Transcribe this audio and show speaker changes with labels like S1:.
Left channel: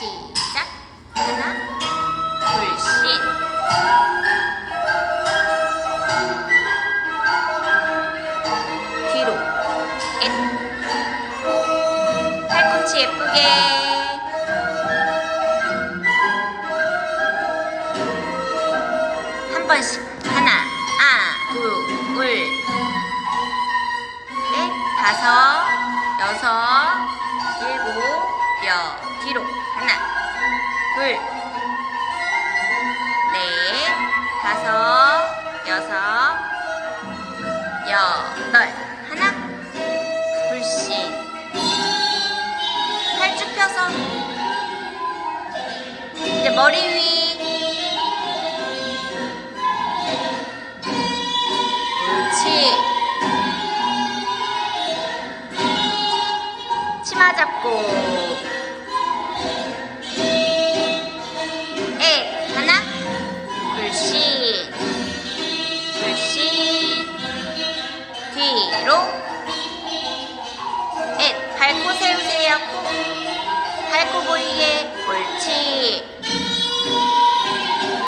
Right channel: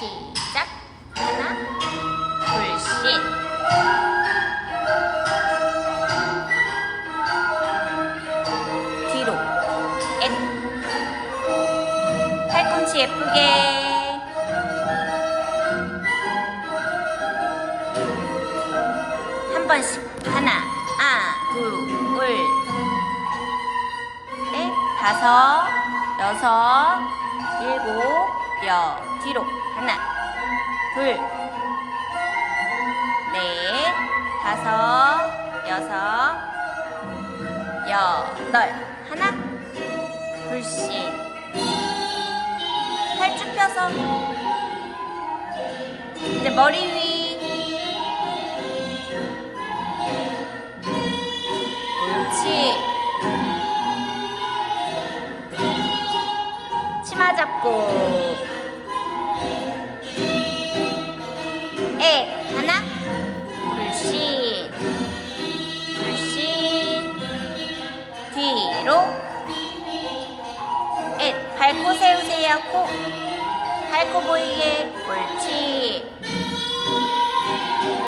S1: 시작. 하나 불신 뒤로. 엣 팔꿈치 예쁘게. 한 번씩. 하나 아 둘넷 네, 다섯 여섯 일곱 여 뒤로 하나 둘 넷 다섯 여섯 여덟. 하나 불신 팔쭉 펴서. 이제 머리 위 치마 잡고. 에 하나? 불신 불신 뒤로. 엣 밟고 세우세요. 코. 밟고 보이게. 옳지